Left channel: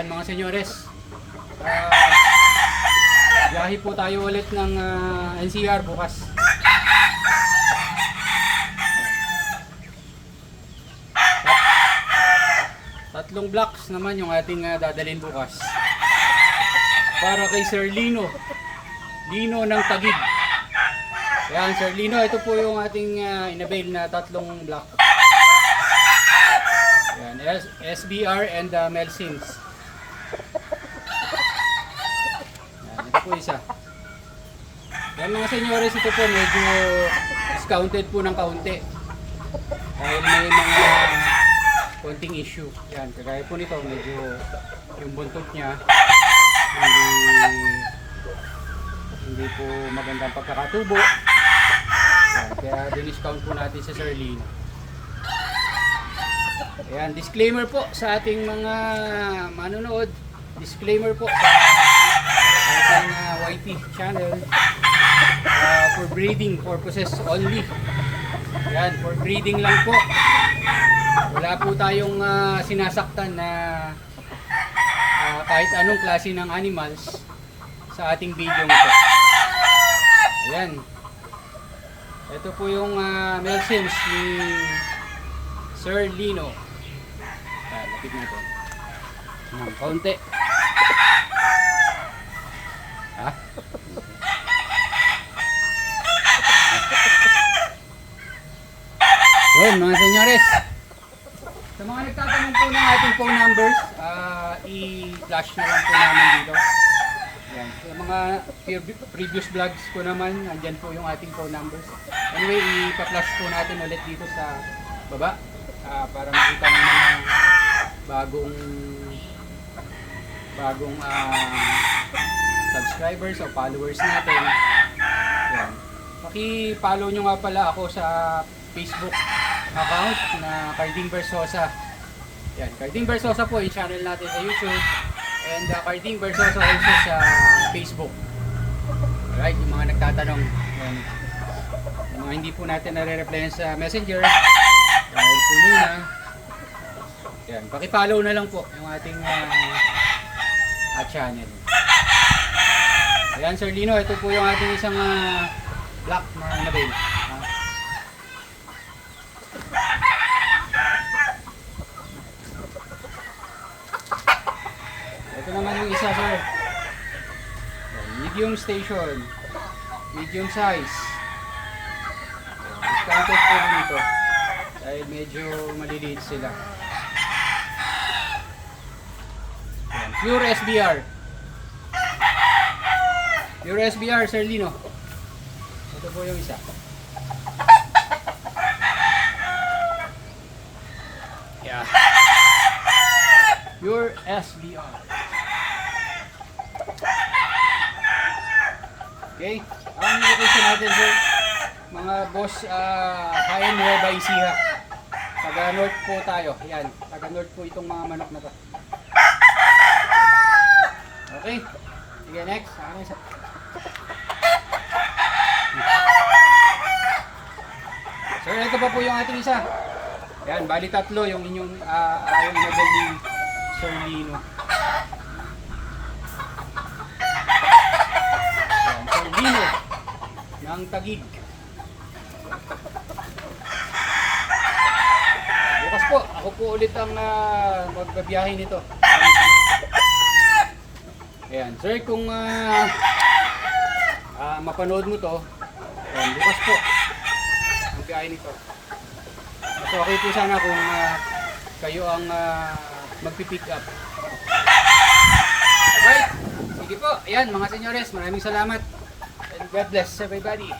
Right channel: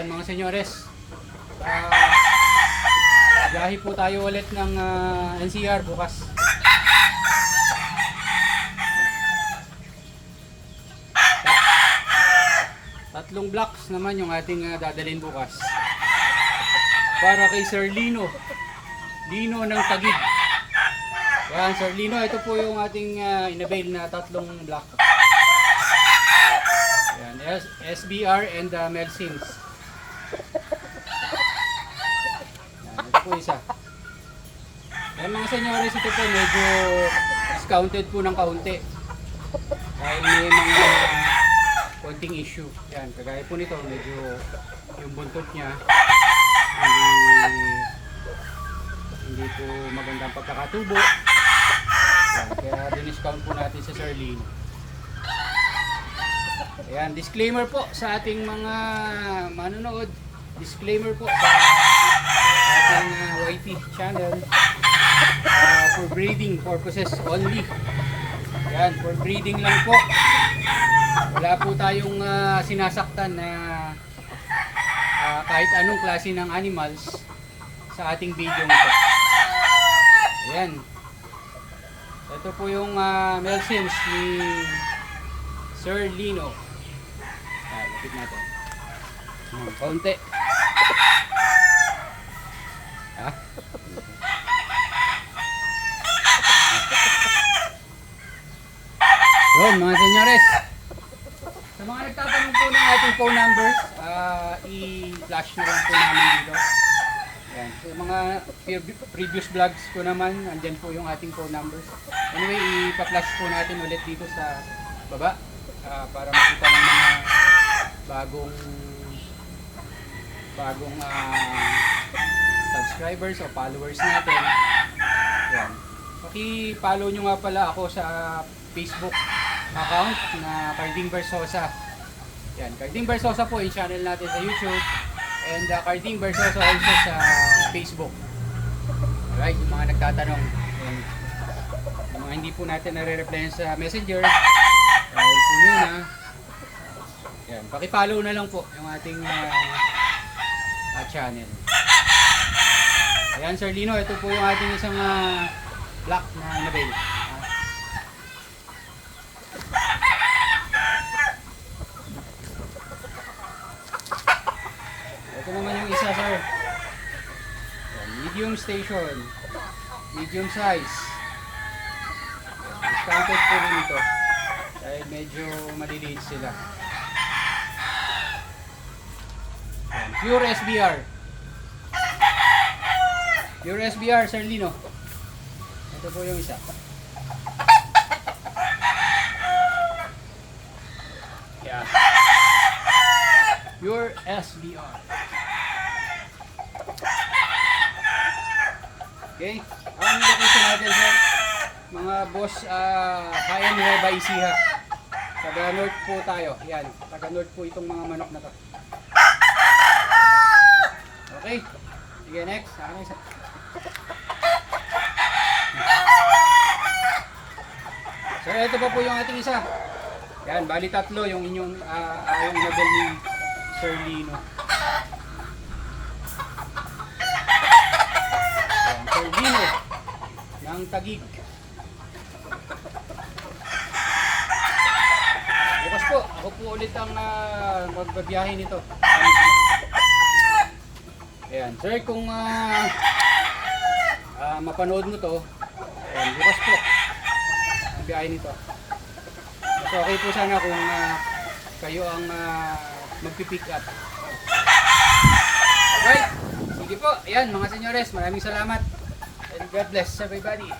Yan mga senyores. Biyahe po tayo ulit ng NCR bukas. Tatlong blocks naman yung ating dadalhin bukas. Para kay Sir Lino. Lino ng Taguig. Yan, Sir Lino, ito po yung ating inavail na tatlong block. Yan, SBR and Mel Sims. Yan, ito po isa. Yan mga senyores, ito po medyo discounted po ng kaunti. Dahil may mga konting issue. Yan, kagaya po nito, medyo yung buntot niya hindi po magandang pagkakatubo. Yan, kaya diniscount po natin sa Sir Lino. Ayan, disclaimer po sa ating mga manonood. Disclaimer po sa ating YT channel. For breeding purposes only. Ayan, for breeding lang po. Wala po tayong sinasaktan na kahit anong klase ng animals sa ating video ito. Ayan. Ito po yung Mel Sims ni Sir Lino. Lapit natin. Kaunti. Ha? Yun mga senyores. Sa mga nagtatanong po ng ating phone numbers, i-flash na lang po namin dito. Yan. Sa mga previous vlogs ko naman, andyan po yung ating phone numbers. Anyway, ipa-flash po natin ulit dito sa baba para makita ng mga bagong subscribers o followers natin. Yan. Paki-follow nyo nga pala ako sa Facebook account na Carding Versosa. Yan, Carding Versosa po yung channel natin sa YouTube, and Carding Versosa also sa Facebook. Alright, yung mga nagtatanong, yan, yung mga hindi po natin nare-reply sa Messenger dahil po muna, yan, paki-follow na lang po yung ating channel. Ayan Sir Lino, ito po yung ating isang block na inavail. Ito naman yung isa, sir. Medium station. Medium size. Discounted po rin ito. Dahil medyo maliliit sila. Yan. Pure SBR. Pure SBR, Sir Lino. Ito po yung isa. Yeah. Pure SBR. Okay, ang location natin sir, mga boss, Bayan Nueva Ecija. Taga north po tayo. Yan, taga north po itong mga manok na to. Okay, sige next. Sir, ito pa po yung ating isa. Yan, bali tatlo yung inyong yung level ni Sir Lino. Lino ng Taguig. Bukas po, ako po ulit ang magbabiyahe nito. Ayan, sir, kung mapanood mo to, ayan, bukas po ang biyahe nito. At okay po sana kung kayo ang magpipick up. Alright, sige po, ayan mga senyores, maraming salamat. And God bless everybody.